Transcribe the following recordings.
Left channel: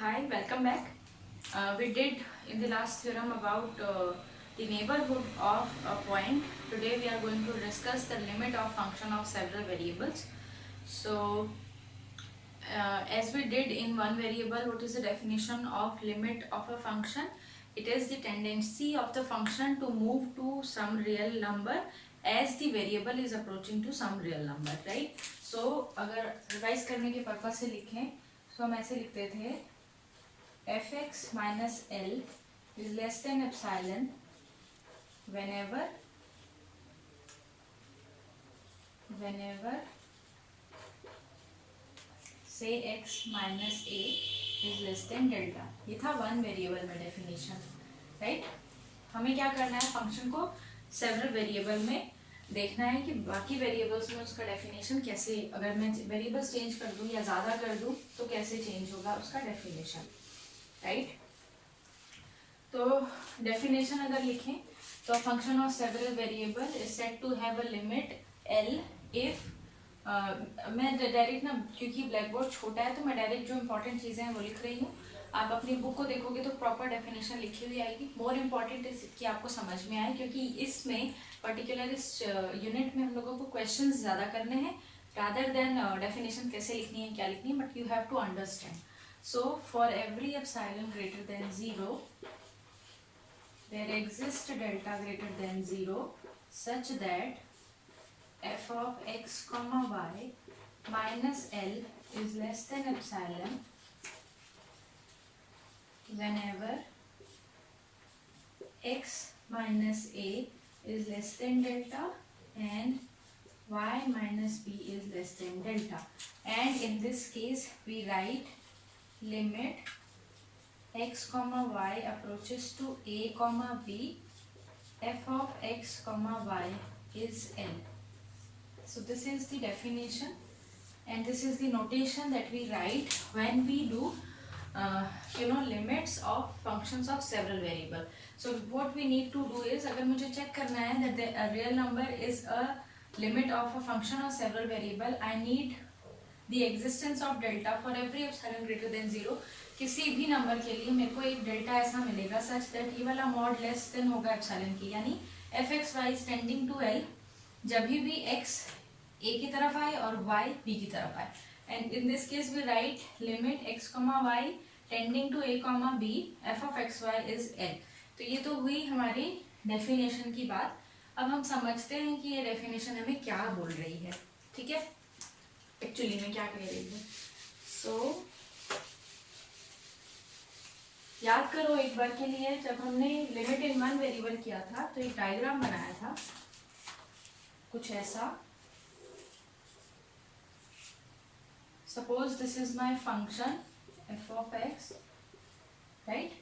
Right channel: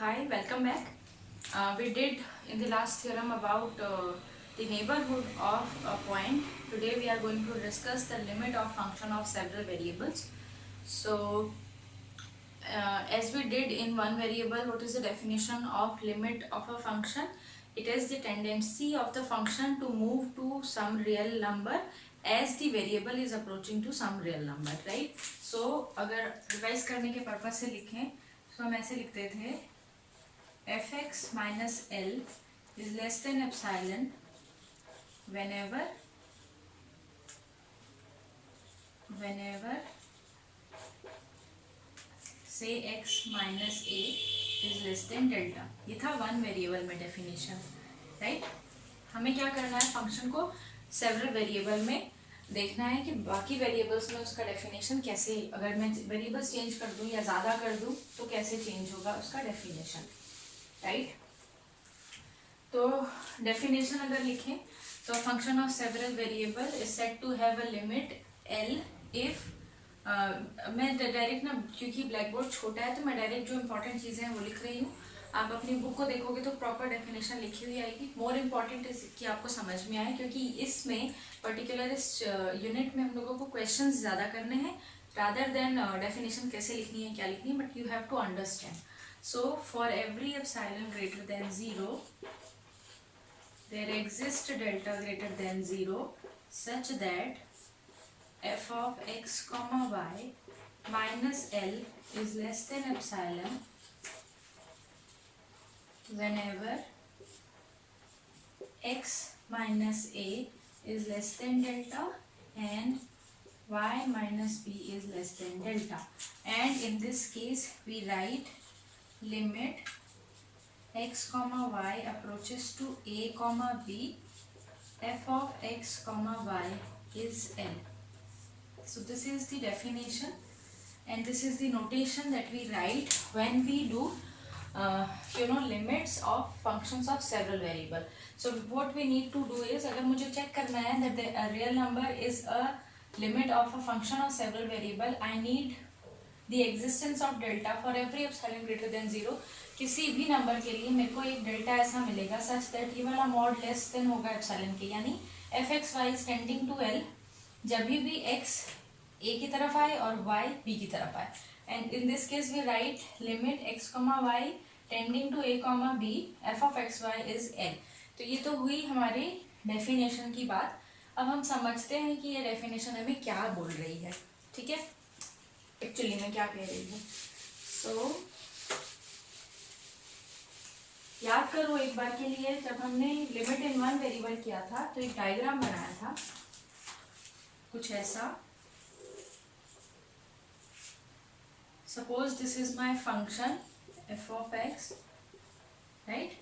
hi, welcome back. We did in the last theorem about the neighborhood of a point. Today we are going to discuss the limit of function of several variables. So, as we did in one variable, what is the definition of limit of a function? It is the tendency of the function to move to some real number as the variable is approaching to some real number, right? So, अगर revise करने के purpose से लिखें, तो हम ऐसे लिखते थे fx minus L is less than epsilon whenever say x minus a is less than delta. ये था वन वेरिएबल में डेफिनेशन, राइट. हमें क्या करना है, फंक्शन को सेवरल वेरिएबल में देखना है कि बाकी वेरिएबल्स में उसका डेफिनेशन कैसे, अगर मैं वेरिएबल्स चेंज कर दूं या ज़्यादा कर दूं तो कैसे चेंज होगा उसका डेफिनेशन, राइट. तो डेफिनेशन अगर लिखें तो function of several variable is said to have a limit L if मैं डायरेक्ट ना, क्योंकि ब्लैक बोर्ड छोटा है तो मैं डायरेक्ट जो इंपॉर्टेंट चीज़ें हैं वो लिख रही हूँ. आप अपनी बुक को देखोगे तो प्रॉपर डेफिनेशन लिखी हुई आएगी. मोर इम्पॉर्टेंट इज कि आपको समझ में आए, क्योंकि इसमें पर्टिकुलर इस यूनिट में हम लोगों को क्वेश्चंस ज़्यादा करने हैं रादर देन डेफिनेशन कैसे लिखनी है क्या लिखनी है, but you have to understand. So for every epsilon greater than 0, there exists delta greater than 0 such that f of x comma y minus L is less than epsilon whenever x minus a is less than delta and y minus b is less than delta. And in this case we write limit x comma y approaches to a comma b f of x comma y is L. So this is the definition and this is the notation that we write when we do limits of functions of several variable. So what we need to do is, अगर मुझे check करना है that the real number is a limit of a function of several variable, I need the existence of delta for every epsilon greater than 0. किसी भी number के लिए मेरे को एक डेल्टा ऐसा मिलेगा सच दैट ये वाला मॉड लेस देन होगा एप्सिलॉन के, यानी f x y is tending to L जब भी एक्स ए की तरफ आए और वाई बी की तरफ आए. And in this case we write limit x comma y tending to a comma b f of x y is L. तो ये तो हुई हमारी डेफिनेशन की बात. अब हम समझते हैं कि ये डेफिनेशन हमें क्या बोल रही है, ठीक है, एक्चुअली में क्या कह रही है. सो याद करो एक बार के लिए, जब हमने लिमिट इन वन वेरिएबल किया था तो एक डायग्राम बनाया था कुछ ऐसा. Suppose this is my function f of x, right,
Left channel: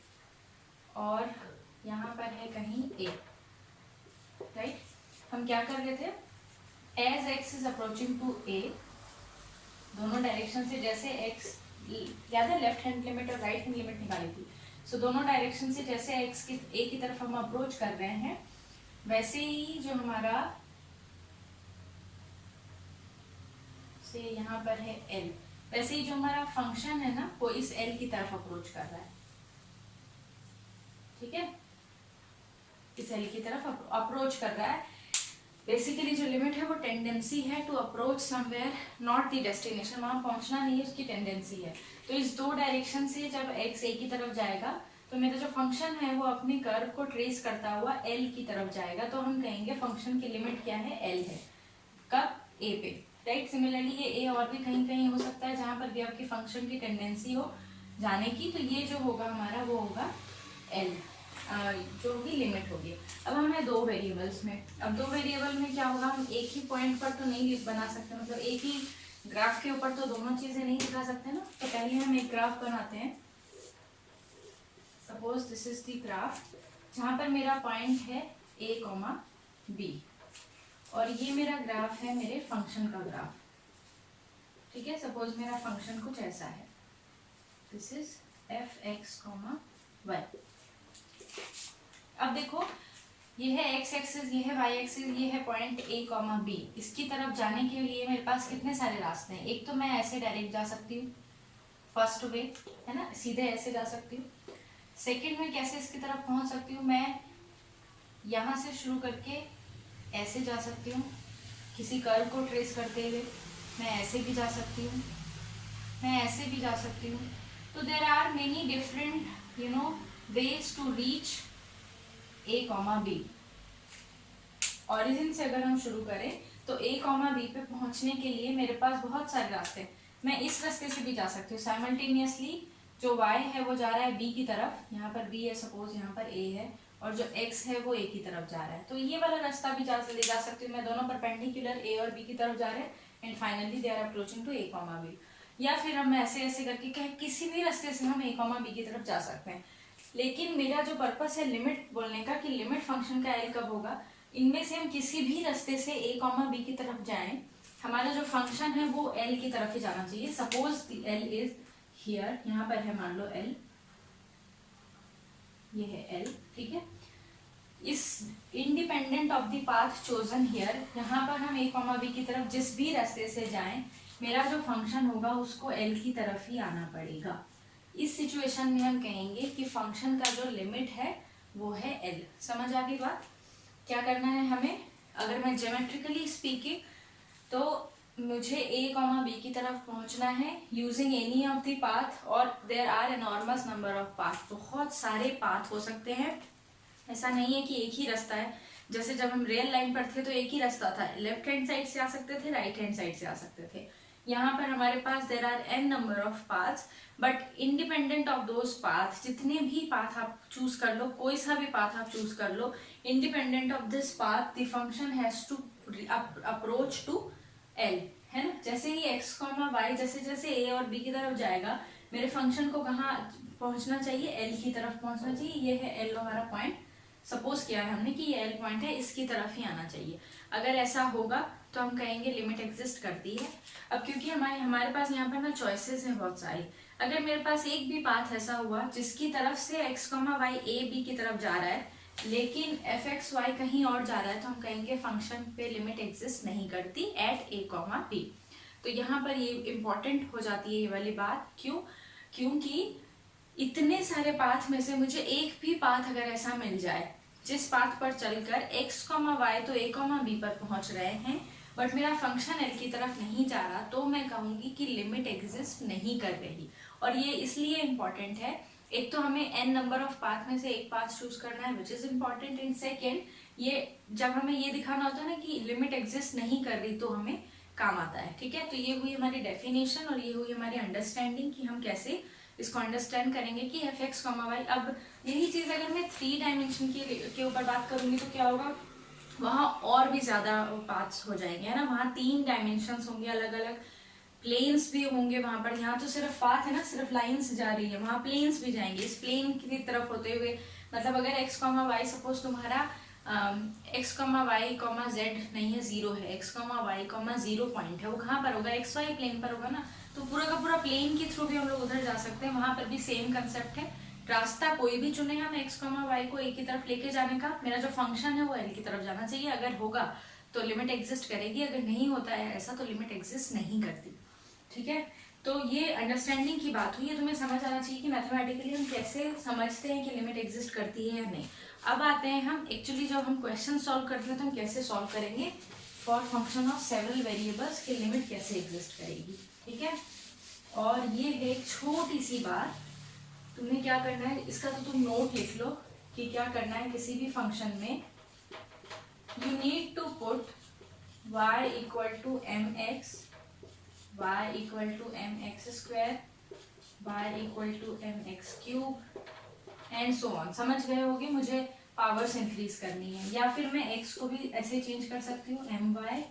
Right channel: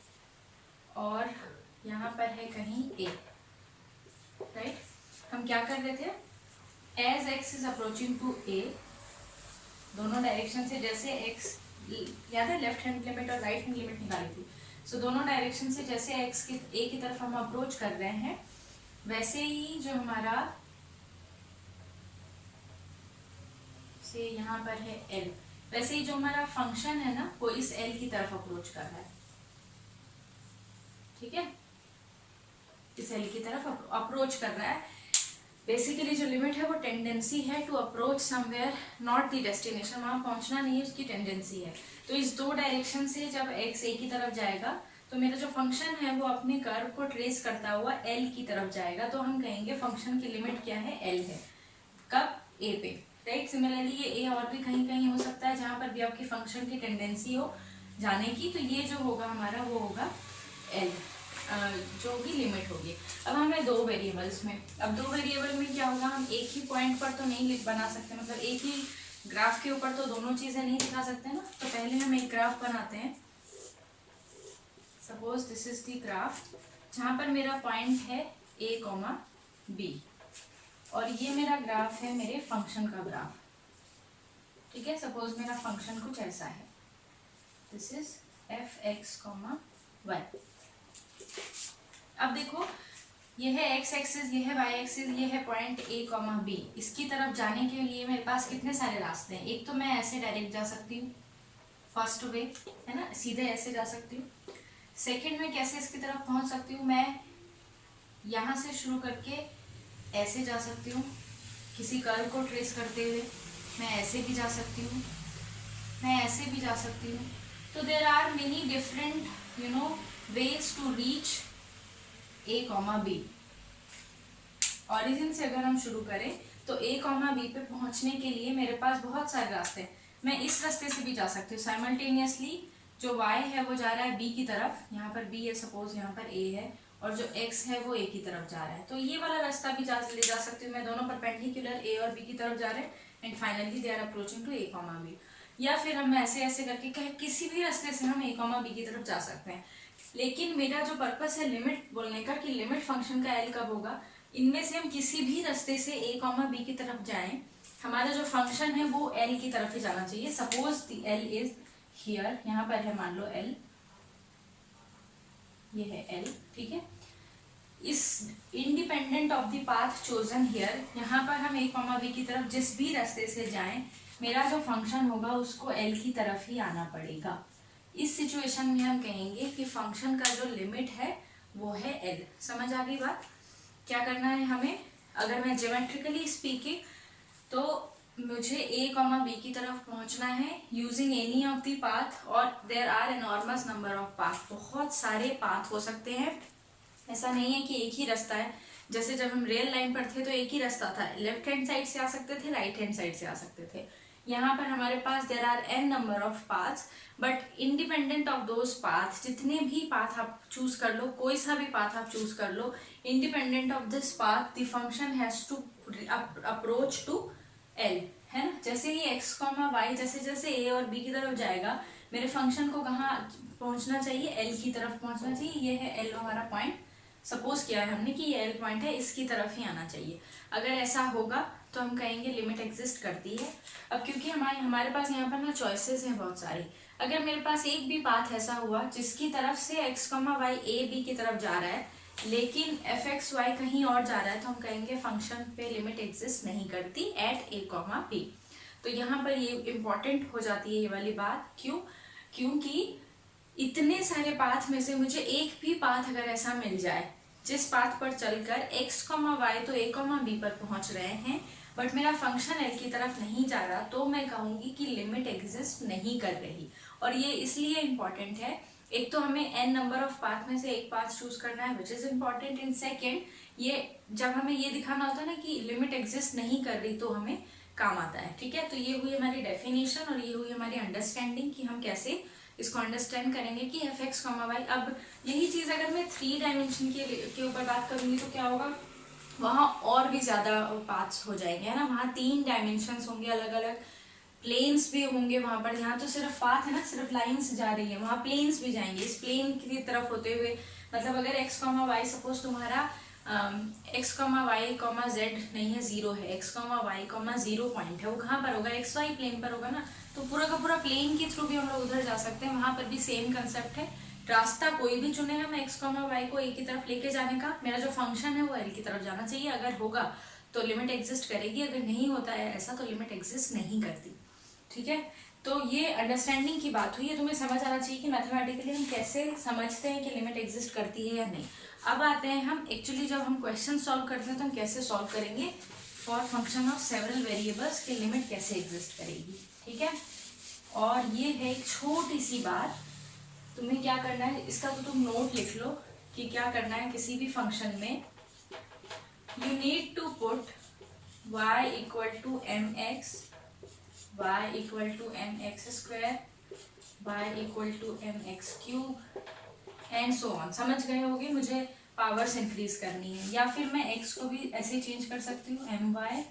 और यहाँ पर है कहीं ए, राइट. हम क्या कर रहे थे, as x is approaching to a, दोनों डायरेक्शन से, जैसे एक्स याद है लेफ्ट हैंड लिमिट और राइट हैंड लिमिट निकाली थी. सो दोनों डायरेक्शन से जैसे एक्स की ए की तरफ हम अप्रोच कर रहे हैं, वैसे ही जो हमारा से यहाँ पर है एल, वैसे ही जो हमारा फंक्शन है ना वो इस एल की तरफ अप्रोच कर रहा है, ठीक है, इस एल की तरफ अप्रोच कर रहा है. बेसिकली जो लिमिट है वो टेंडेंसी है to approach somewhere, not the destination, वहां पहुंचना नहीं है, उसकी टेंडेंसी है. तो इस दो डायरेक्शन से जब एक्स ए की तरफ जाएगा तो मेरा जो फंक्शन है वो अपने कर्व को ट्रेस करता हुआ एल की तरफ जाएगा. तो हम कहेंगे फंक्शन की लिमिट क्या है, एल है. कब, ए पे, राइट. सिमिलरली ये ए और भी कहीं कहीं हो सकता है जहां पर भी आपकी फंक्शन की टेंडेंसी हो जाने की, तो ये जो होगा हमारा वो होगा एल, जो भी लिमिट होगी. अब हमें दो वेरिएबल्स में, अब दो वेरिएबल में क्या होगा, हम एक ही पॉइंट पर तो नहीं बना सकते, मतलब एक ही ग्राफ के ऊपर तो दोनों चीजें नहीं दिखा सकते ना. तो पहले हम एक ग्राफ बनाते हैं. Suppose this is the graph जहां पर मेरा पॉइंट है ए कॉमा बी, और ये मेरा ग्राफ है मेरे फंक्शन का ग्राफ, ठीक है. सपोज मेरा फंक्शन कुछ ऐसा है, this is f x comma y. अब देखो ये है एक्स एक्सिस, ये है वाई एक्सिस, ये है पॉइंट ए कॉमा बी. इसकी तरफ जाने के लिए मेरे पास कितने सारे रास्ते हैं. एक तो मैं ऐसे डायरेक्ट जा सकती हूँ फर्स्ट वे है ना, सीधे ऐसे जा सकती हूँ। सेकंड में कैसे इसकी तरफ पहुंच सकती हूँ, मैं यहाँ से शुरू करके ऐसे जा सकती हूँ, किसी कर्व को ट्रेस करते हुए मैं ऐसे भी जा सकती हूँ, मैं ऐसे भी जा सकती हूँ। तो there are many different ways to reach a comma b. Origin से अगर हम शुरू करें तो ए कॉमा बी पे पहुंचने के लिए मेरे पास बहुत सारे रास्ते हैं। मैं इस रास्ते से भी जा सकती हूँ साइमल्टेनियसली। जो y है वो जा रहा है b की तरफ, यहाँ पर b है सपोज, यहाँ पर a है, और जो x है वो a की तरफ जा रहा है। तो ये वाला रास्ता भी ले जा सकती हूँ मैं, दोनों परपेंडिकुलर a और b की तरफ जा रहे हैं and finally they are approaching to a comma b। या फिर हम ऐसे ऐसे करके कहीं किसी भी रास्ते से हम a कॉमा b की तरफ जा सकते हैं। लेकिन मेरा जो पर्पस है लिमिट बोलने का कि लिमिट फंक्शन का एल कब होगा, इनमें से हम किसी भी रास्ते से a कॉमा b की तरफ जाएं, हमारा जो फंक्शन है वो l की तरफ ही जाना चाहिए। Suppose the l is here, यहाँ पर है मान लो l, ये है l, ठीक है। इस independent of the path chosen here, यहाँ पर हम a कॉमा b की तरफ जिस भी रास्ते से जाएं, मेरा जो फंक्शन होगा उसको l की तरफ ही आना पड़ेगा। इस सिचुएशन में हम कहेंगे कि फंक्शन का जो लिमिट है वो है l। समझ आ गई बात? क्या करना है हमें, अगर मैं ज्योमेट्रिकली स्पीकिंग, तो मुझे a कॉमा b की तरफ पहुंचना है using any of the path, और there are enormous number of path. बहुत सारे पाथ हो सकते हैं, ऐसा नहीं है कि एक ही रास्ता है। जैसे जब हम रियल लाइन पर थे तो एक ही रास्ता था, लेफ्ट हैंड साइड से आ सकते थे, राइट हैंड साइड से आ सकते थे। यहाँ पर हमारे पास there are n number of paths, but independent of those path, जितने भी पाथ आप चूज कर लो, कोई सा भी पाथ आप चूज कर लो, independent of this path the function has to approach to l, है ना। जैसे ही x कॉमा y जैसे जैसे a और b की तरफ जाएगा, मेरे फंक्शन को कहाँ पहुंचना चाहिए, l की तरफ पहुंचना चाहिए। ये है l हमारा पॉइंट, सपोज किया है हमने कि ये l पॉइंट है, इसकी तरफ ही आना चाहिए। अगर ऐसा होगा तो हम कहेंगे लिमिट एग्जिस्ट करती है। अब क्योंकि हमारे पास यहाँ पर ना चॉइसेस हैं बहुत सारी, अगर मेरे पास एक भी पाथ ऐसा हुआ जिसकी तरफ से x comma y a b की तरफ जा रहा है, लेकिन एफ एक्स वाई कहीं और जा रहा है, तो हम कहेंगे फंक्शन पे लिमिट एग्जिस्ट नहीं करती एट a कॉमा b। तो यहाँ पर ये इंपॉर्टेंट हो जाती है ये वाली बात। क्यों? क्योंकि इतने सारे पाथ में से मुझे एक भी पाथ अगर ऐसा मिल जाए जिस पाथ पर चलकर x कॉमा वाई तो a कॉमा b पर पहुंच रहे हैं, बट मेरा फंक्शन l की तरफ नहीं जा रहा, तो मैं कहूंगी कि लिमिट एग्जिस्ट नहीं कर रही। और ये इसलिए इम्पॉर्टेंट है, एक तो हमें n नंबर ऑफ पाथ में से एक पाथ चूज करना है which is important. In second, ये जब हमें ये दिखाना होता है ना कि लिमिट एग्जिस्ट नहीं कर रही, तो हमें काम आता है, ठीक है। तो ये हुई हमारी डेफिनेशन और ये हुई हमारी अंडरस्टैंडिंग कि हम कैसे इसको अंडरस्टैंड करेंगे कि एफ एक्स कॉमा वाई। अब यही चीज अगर मैं 3 डायमेंशन के ऊपर बात करूंगी तो क्या होगा, वहाँ और भी ज्यादा पाथ्स हो जाएंगे, है ना। वहाँ 3 डायमेंशंस होंगे, अलग अलग प्लेन्स भी होंगे वहां पर। यहाँ तो सिर्फ पाथ है ना, सिर्फ लाइन्स जा रही है, वहाँ प्लेन्स भी जाएंगे। इस प्लेन की तरफ होते हुए, मतलब अगर एक्स कॉमा वाई सपोज तुम्हारा x comma y comma z नहीं है, 0 है, x comma y comma 0 point है, वो कहाँ पर होगा, एक्स वाई प्लेन पर होगा ना। तो पूरा का पूरा प्लेन के थ्रू भी हम लोग उधर जा सकते हैं, वहां पर भी सेम कंसेप्ट है। रास्ता कोई भी चुने हम एक्स कॉमा वाई को ए की तरफ लेके जाने का, मेरा जो फंक्शन है वो एल की तरफ जाना चाहिए। अगर होगा तो लिमिट एग्जिस्ट करेगी, अगर नहीं होता है ऐसा तो लिमिट एग्जिस्ट नहीं करती, ठीक है। तो ये अंडरस्टैंडिंग की बात हुई है, तुम्हें समझ आना चाहिए कि मैथमेटिकली हम कैसे समझते हैं कि लिमिट एग्जिस्ट करती है या नहीं। अब आते हैं हम एक्चुअली जब हम क्वेश्चन सॉल्व करते हैं तो हम कैसे सॉल्व करेंगे for function of several variables की लिमिट कैसे एग्जिस्ट करेगी, ठीक है। और ये है एक छोटी सी बात, तुम्हें क्या करना है, इसका तो तुम नोट लिख लो कि क्या करना है। किसी भी फंक्शन में you need to put y equal to m x, y equal to m x square, y equal to m x cube and so on. समझ गए होगे, मुझे पावर्स इंक्रीज करनी है, या फिर मैं x को भी ऐसे चेंज कर सकती हूँ, m y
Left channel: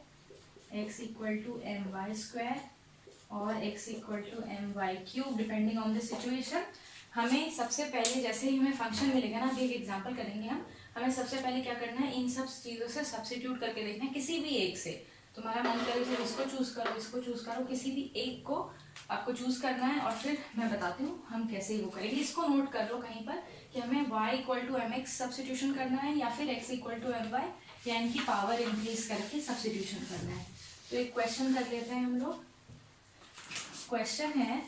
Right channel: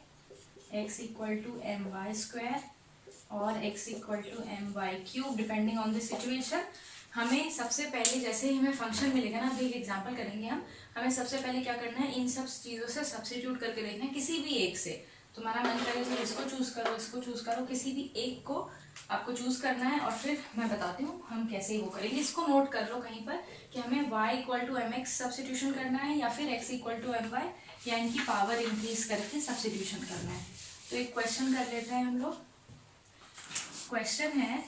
x equal to m y square और x equal to m y cube, depending on the situation. हमें सबसे पहले जैसे ही हमें फंक्शन मिलेगा ना, अभी एक एग्जांपल करेंगे हम, हमें सबसे पहले क्या करना है, इन सब चीज़ों से सब्स्टिट्यूट करके देखना है। किसी भी एक से, तुम्हारा मन करे तो इसको चूज करो, इसको चूज करो, किसी भी एक को आपको चूज करना है, और फिर मैं बताती हूँ हम कैसे वो करेंगे। इसको नोट कर लो कहीं पर कि हमें y equal to m x substitution करना है या फिर x equal to m y, या इनकी पावर इंक्रीज करके सब्स्टिट्यूशन करना है। तो एक क्वेश्चन कर लेते हैं हम लोग। क्वेश्चन है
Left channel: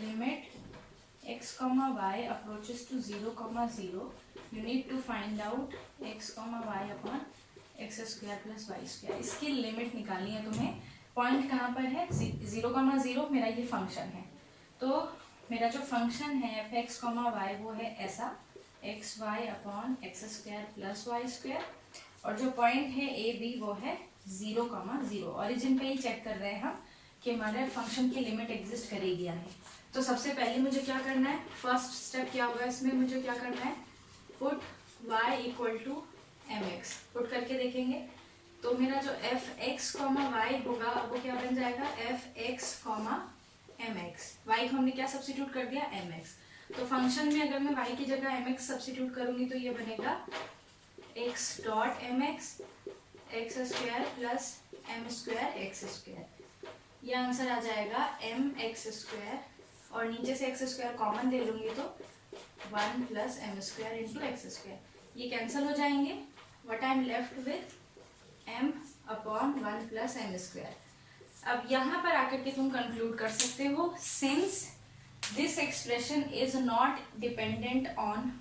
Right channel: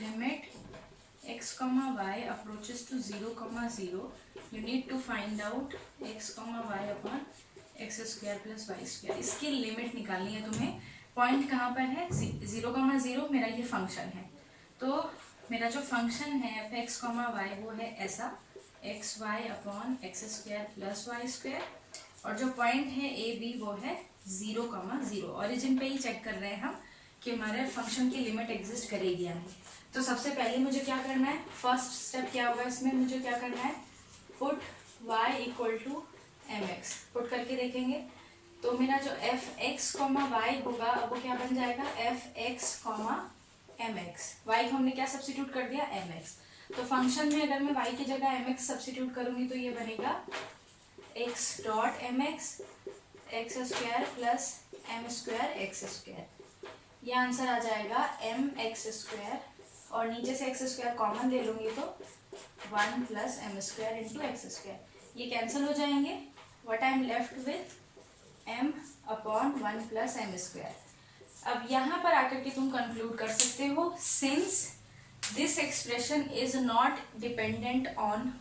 limit x comma y approaches to 0 comma 0, you need to find out x comma y upon x square plus y square। इसकी लिमिट निकालनी है तुम्हें। पॉइंट कहाँ पर है? 0 comma 0 मेरा ये फंक्शन है। तो मेरा जो फंक्शन है एफ एक्स कॉमा वाई वो है ऐसा x y upon x square plus y square, और जो पॉइंट है ए बी वो है 0 comma 0। ऑरिजिन पे ही चेक कर रहे हैं हम कि हमारे फंक्शन की लिमिट एग्जिस्ट करेगी या नहीं। तो सबसे पहले मुझे क्या करना है, फर्स्ट स्टेप क्या होगा इसमें, मुझे क्या करना है, put y equal to m x put करके देखेंगे। तो मेरा जो एफ एक्स कॉमा वाई होगा वो क्या बन जाएगा, f x comma m x. Y को हमने क्या सब्स्टिट्यूट कर दिया, एम एक्स। तो फंक्शन में अगर मैं y की जगह एम एक्स सब्स्टिट्यूट करूंगी तो ये बनेगा x dot m x x square plus m square x square. ये आंसर आ जाएगा एम एक्स स्क्वायर, और नीचे से एक्स स्क्वायर कॉमन ले लूंगी तो 1 plus m square into x square. ये कैंसिल हो जाएंगे। What I am left with m upon 1 plus m square. अब यहाँ पर आकर के तुम कंक्लूड कर सकते हो, since this expression is not dependent on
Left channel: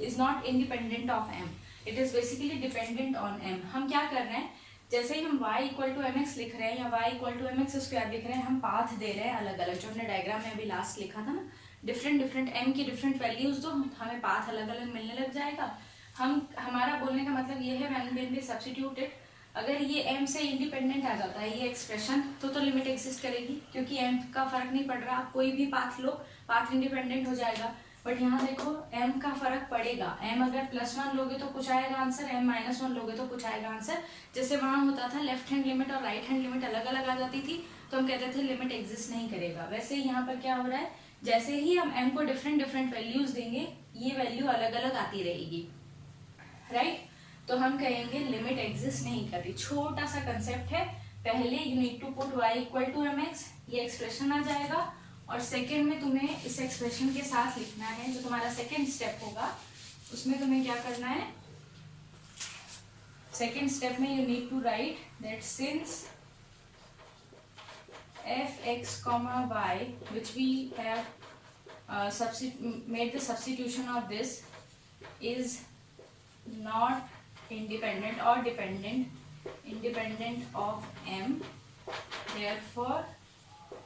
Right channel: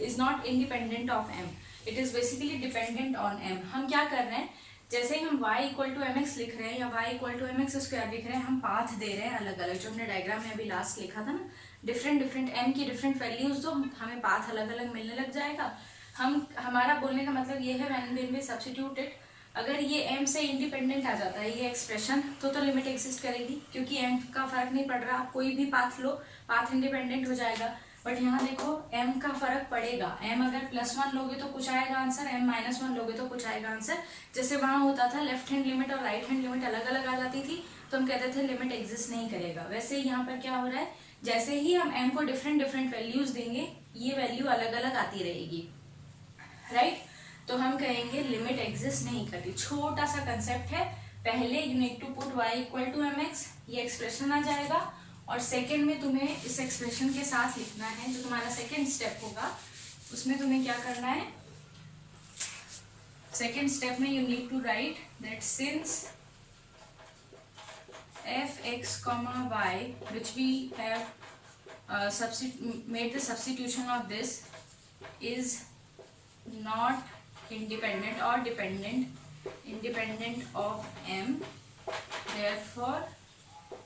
is not independent of m, it is basically dependent on m. हम क्या कर रहे हैं, जैसे ही हम y equal to m x लिख रहे हैं या y equal to m x square लिख रहे हैं, हम पाथ दे रहे हैं अलग अलग। जो हमने डायग्राम में अभी लास्ट लिखा था ना, डिफरेंट डिफरेंट m की डिफरेंट वैल्यूज दो, हमें पाथ अलग अलग मिलने लग जाएगा। हमारा बोलने का मतलब ये है व्हेन वी सब्स्टिट्यूट इट, अगर ये m से इंडिपेंडेंट आ जाता है ये एक्सप्रेशन तो लिमिट एग्जिस्ट करेगी, क्योंकि m का फर्क नहीं पड़ रहा। आप कोई भी पाथ लो, पाथ इंडिपेंडेंट हो जाएगा। बट यहाँ देखो m का फर्क पड़ेगा। m अगर +1 लोगे तो कुछ आएगा आंसर, m -1 लोगे तो कुछ आएगा आंसर। जैसे वहाँ होता था लेफ्ट हैंड लिमिट और राइट हैंड लिमिट अलग अलग आ जाती थी तो हम कहते थे लिमिट एग्जिस्ट नहीं करेगा। वैसे यहाँ पर क्या हो रहा है, जैसे ही हम m को डिफरेंट डिफरेंट वैल्यूज देंगे ये वैल्यू अलग अलग आती रहेगी, राइट। तो हम कहेंगे लिमिट एग्जिस्ट नहीं करती। छोटा सा कंसेप्ट है, पहले you need to put y equal to m x, ये एक्सप्रेशन आ जाएगा, और सेकेंड में तुम्हें इस एक्सप्रेशन के साथ लिखना है। जो तुम्हारा सेकेंड स्टेप होगा उसमें तुम्हें क्या करना है, सेकेंड स्टेप में you need to write that since f x comma y which we have made the substitution of this is not independent or independent of m, therefore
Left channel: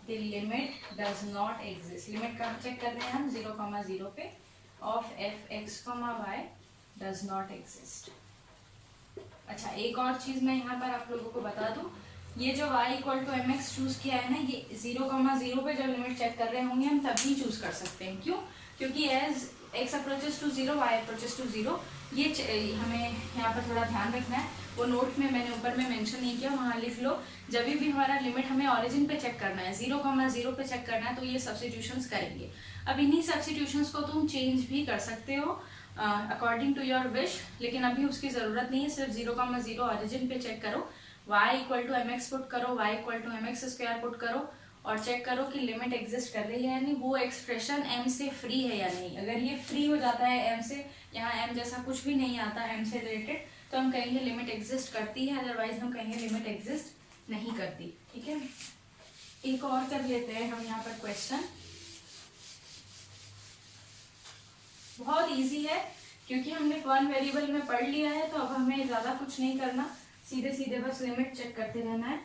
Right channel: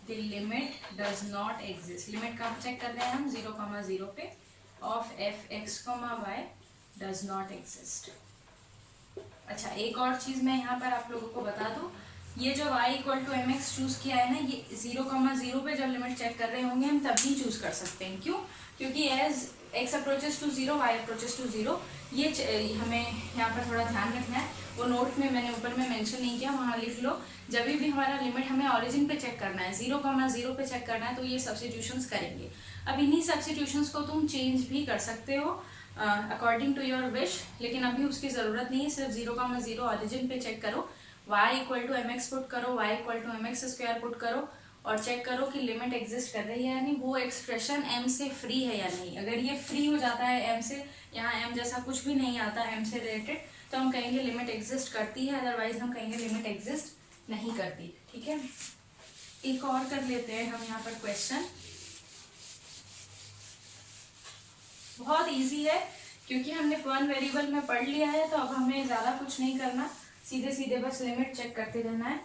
the limit does not exist। Limit कहाँ check कर रहे हैं हम, 0 comma 0 पे, of f x comma y does not exist। अच्छा, एक और चीज मैं यहाँ पर आप लोगों को बता दूं, ये जो y equal to m x choose किया है ना, ये 0 comma 0 पे जब लिमिट चेक कर रहे होंगे हम तभी चूज कर सकते हैं। क्यों? क्योंकि as x approaches to 0 y approaches to 0, ये हमें यहाँ पर थोड़ा ध्यान रखना है। वो नोट में मैंने ऊपर में मेंशन नहीं किया, वहाँ लिख लो। जब भी हमारा लिमिट हमें ओरिजिन पे चेक करना है, 0 comma 0 पे चेक करना है, तो ये सब्स्टिट्यूशंस करेंगे। अब इन्हीं सब्स्टिट्यूशंस को तुम चेंज भी कर सकते हो अकॉर्डिंग टू योर विश, लेकिन अभी उसकी ज़रूरत नहीं है। सिर्फ 0 comma 0 ओरिजिन पे चेक करो, y equal to m x put करो, y equal to m x square put करो, और चेक करो कि लिमिट एग्जिस्ट कर रही है या नहीं, वो एक्सप्रेशन m से फ्री है या नहीं। अगर ये फ्री हो जाता है m से, यहाँ m जैसा कुछ भी नहीं आता m से रिलेटेड, तो हम कहेंगे लिमिट एग्जिस्ट करती है, अदरवाइज हम कहेंगे लिमिट एग्जिस्ट नहीं करती। ठीक है, एक और कर लेते हैं हम यहाँ पर क्वेश्चन। बहुत इजी है क्योंकि हमने वन वेरिएबल में पढ़ लिया है, तो अब हमें ज़्यादा कुछ नहीं करना, सीधे सीधे बस लिमिट चेक करते रहना है।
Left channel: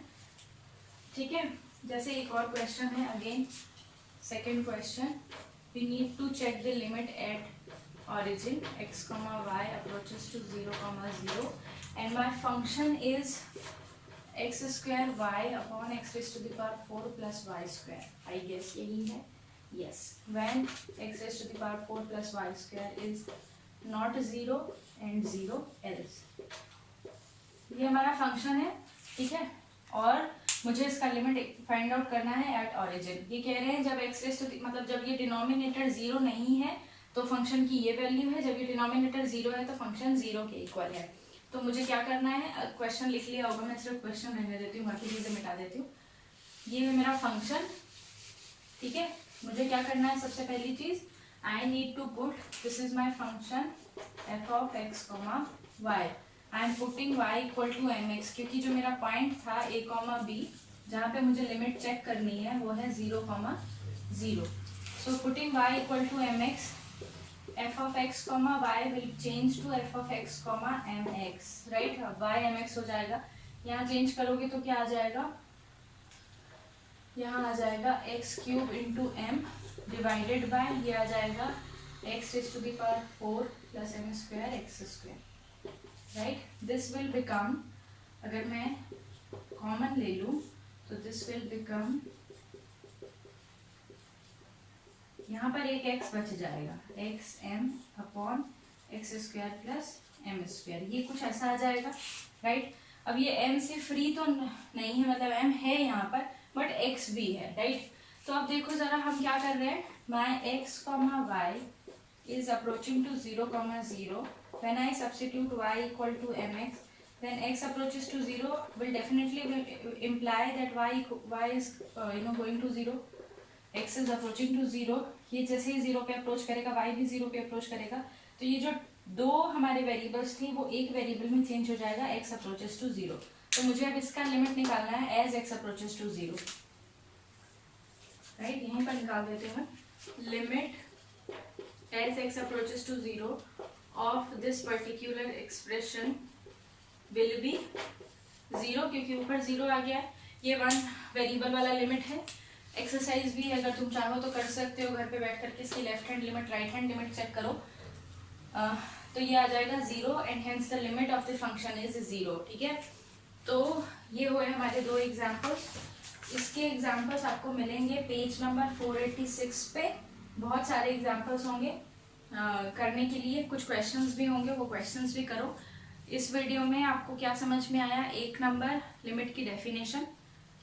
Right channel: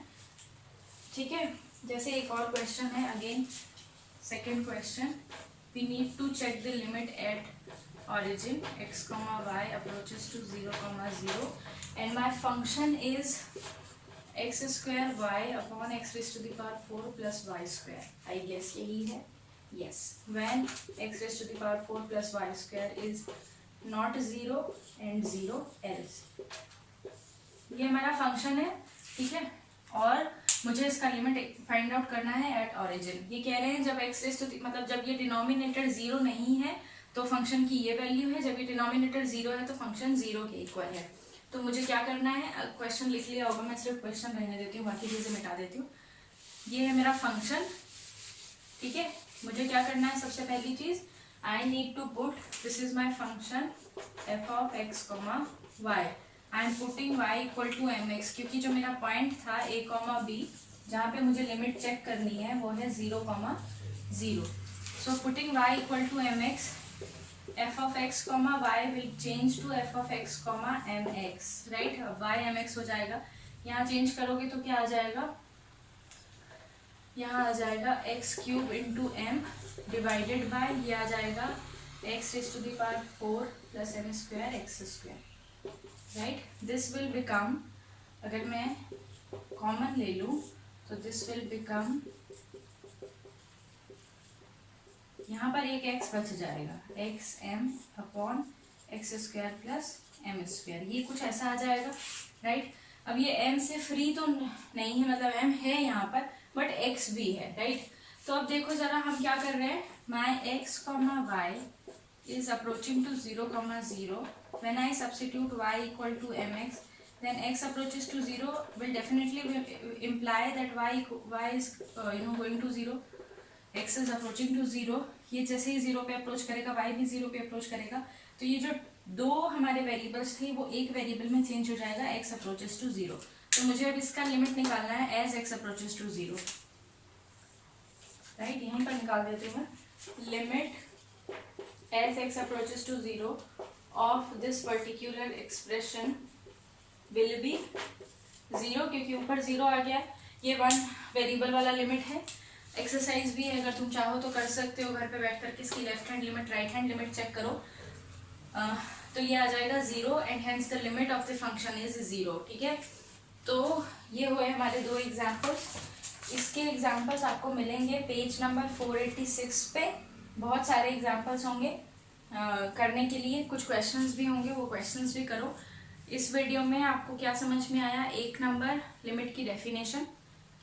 ठीक है, जैसे एक और क्वेश्चन है, again second question, we need to check the limit at origin x comma y approaches to 0 comma 0 and my function is x square y upon x raised to the power 4 plus y square। I guess यही है, yes, when x raised to the power 4 plus y square is not 0 and 0 else। ये हमारा function है, ठीक है, और मुझे इसका लिमिट फाइंड आउट करना है एट ऑरिजिन। ये कह रहे हैं जब x रेज़ टू मतलब जब ये डिनोमिनेटर 0 नहीं है तो फंक्शन की ये वैल्यू है, जब ये डिनोमिनेटर 0 है तो फंक्शन 0 के इक्वल है। तो मुझे क्या करना है, क्वेश्चन लिख लिया होगा, मैं सिर्फ क्वेश्चन रहने देती हूँ, बाकी चीज़ें मिटा देती हूँ। ये है मेरा फंक्शन, ठीक है। मुझे क्या करना है, सबसे पहली चीज़, I need to put, this is my function f of x comma y, I am putting y equal to m x, क्योंकि जो मेरा पॉइंट था a कॉमा बी जहाँ पे मुझे लिमिट चेक करनी है वो है 0 comma 0। So putting y equal to mx, f of x comma y will change to f of x comma mx, right? y mx हो जाएगा, यहाँ चेंज करोगे तो क्या आ जाएगा, यहाँ आ जाएगा x cube into m divided by ये आ जाएगा x raise to the power 4 plus m square x square, right? This will become, अगर मैं कॉमन ले लूँ तो दिस विल बिकम, यहाँ पर एक x बच जाएगा, x m upon x square plus m square, ये कुछ ऐसा आ जाएगा, राइट? अब ये m से फ्री तो नहीं है, मतलब m है यहाँ पर बट x भी है, राइट? तो अब देखो जरा हम क्या कर रहे हैं, my x comma y is approaching to 0 comma 0. When I substitute y equal to mx, then x approaches to 0 will definitely imply that y is going to 0. x is approaching to 0. ये जैसे ही 0 पे approach करेगा y भी 0 पे approach करेगा, तो ये जो दो हमारे वेरिएबल्स थी वो एक वेरिएबल में चेंज हो जाएगा, x अप्रोचेस टू 0. तो मुझे अब इसका लिमिट निकालना है as x approaches to 0, right? यहीं पर निकाल देते हैं, limit as x approaches to 0 of this particular expression will be 0, क्योंकि ऊपर 0 आ गया, ये वन वेरिएबल वाला लिमिट है. एक्सरसाइज भी है, अगर तुम चाहो तो कर सकते हो घर पे बैठ करके इसकी left hand limit right hand limit check करो. तो ये आ जाएगा 0 and hence the limit of the function is 0, ठीक है? तो ये हुए हमारे दो एग्जाम्पल्स. इसके एग्जाम्पल्स आपको मिलेंगे पेज नंबर 486 पे. बहुत सारे एग्जाम्पल्स होंगे करने के लिए, कुछ क्वेश्चंस भी होंगे, वो क्वेश्चंस भी करो. इस वीडियो में आपको क्या समझ में आया? 1 नंबर लिमिट की डेफिनेशन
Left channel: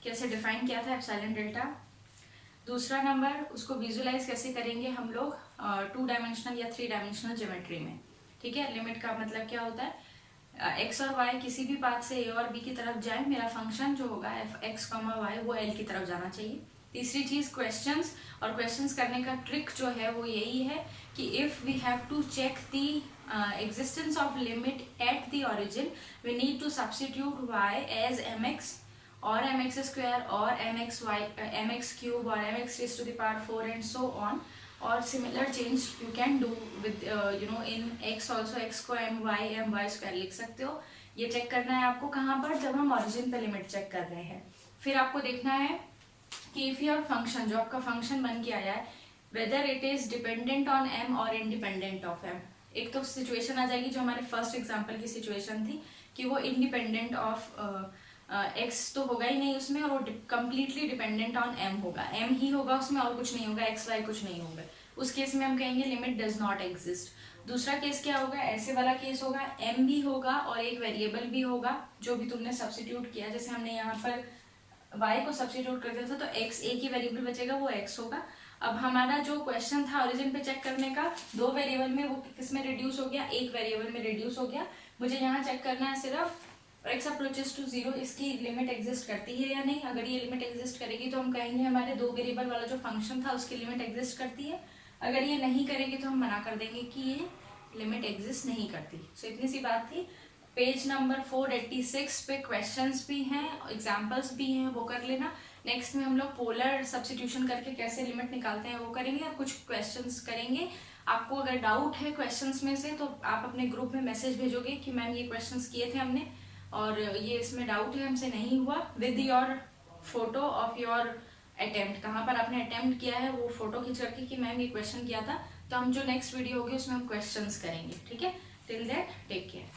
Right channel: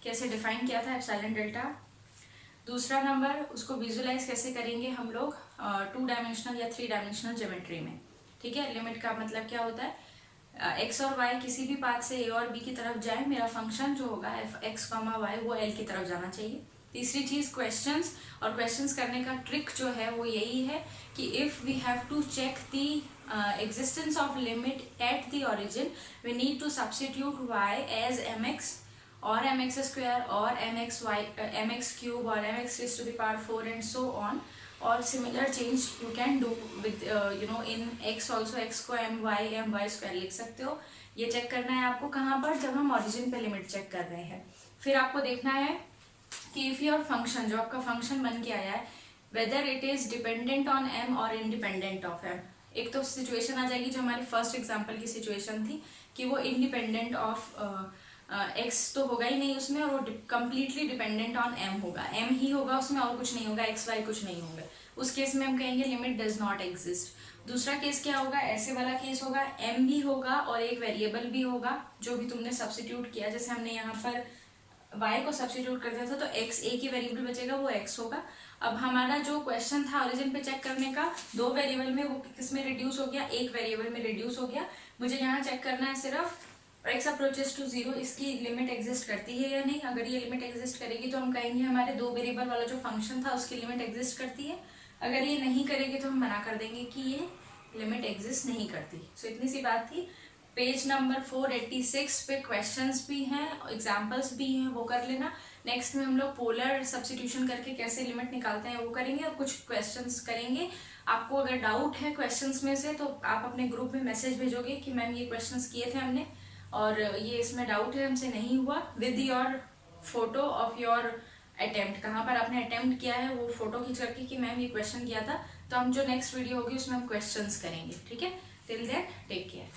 कैसे डिफाइन किया था एप्सिलॉन डेल्टा. दूसरा नंबर उसको विजुलाइज कैसे करेंगे हम लोग 2 डायमेंशनल या 3 डायमेंशनल ज्योमेट्री में, ठीक है? लिमिट का मतलब क्या होता है, x और y किसी भी पाथ से a और b की तरफ जाए, मेरा फंक्शन जो होगा एफ एक्स कॉमा वाई वो l की तरफ जाना चाहिए. तीसरी चीज क्वेश्चंस, और क्वेश्चंस करने का ट्रिक जो है वो यही है कि if we have to check the existence of limit at the origin, we need to substitute y as mx और mx स्क्वायर और mx क्यूब और mx raise to the power 4 and so on. और similar change you can do with in x also, x को my square लिख सकते हो. ये check करना है आपको कहाँ पर, जब हम ओरिजिन पे लिमिट चेक कर रहे हैं. फिर आपको देखना है कि इफ योर फंक्शन, जो आपका फंक्शन बन के आया है, whether it is dependent on m और इंडिपेंडेंट ऑफ m. एक तो सिचुएशन आ जाएगी जो हमारे फर्स्ट एग्जांपल की सिचुएशन थी कि वो इंडिपेंडेंट ऑफ x तो होगा ही नहीं उसमें, और वो कंप्लीटली डिपेंडेंट ऑन m होगा, m ही होगा उसमें और कुछ नहीं होगा, x y कुछ नहीं होगा. उस केस में हम कहेंगे लिमिट डज नॉट एग्जिस्ट. दूसरा केस क्या होगा, ऐसे वाला केस होगा, m भी होगा और एक वेरिएबल भी होगा जो भी तुमने सब्स्टिट्यूट किया. जैसे हमने यहाँ पर y को सब्स्टिट्यूट कर दिया था तो x एक ही वेरिएबल बचेगा, वो x होगा. अब हमारा जो क्वेश्चन था ओरिजिन पे चेक करने का, 2 वेरिएबल में, वो किस में रिड्यूस हो गया, एक वेरिएबल में रिड्यूस हो गया. मुझे यहाँ चेक करना है सिर्फ x अप्रोचेस टू 0 इसकी लिमिट एग्जिस्ट करती है या नहीं. अगर ये लिमिट एग्जिस्ट करेगी तो हम कहेंगे हमारे 2 वेरिएबल वाला जो फंक्शन था उसकी लिमिट एग्जिस्ट करती है. अगर ये नहीं करेगी तो हम मना कर देंगे कि ये लिमिट एग्जिस्ट नहीं करती. सो इतनी सी बात थी. पेज नंबर 486 पे क्वेश्चंस भी हैं, एग्जाम्पल्स भी हैं, वो कर लेना. नेक्स्ट में हम लोग पोलर सब्स्टिट्यूशन करके कैसे लिमिट निकालते हैं वो करेंगे, और कुछ क्वेश्चंस करेंगे. आपको अगर डाउट है क्वेश्चंस में से तो आप अपने ग्रुप में मैसेज भेजोगे कि मैम ये क्वेश्चंस किए थे हमने और ये इसमें डाउट है, हमसे नहीं हुआ, with your photo of your attempt, कहाँ पर आपने अटेम्प्ट किया है वो फोटो खींच करके कि मैम ये क्वेश्चन किया था. तो हम जो नेक्स्ट वीडियो होगी उसमें हम क्वेश्चंस करेंगे, ठीक है? Till then take care.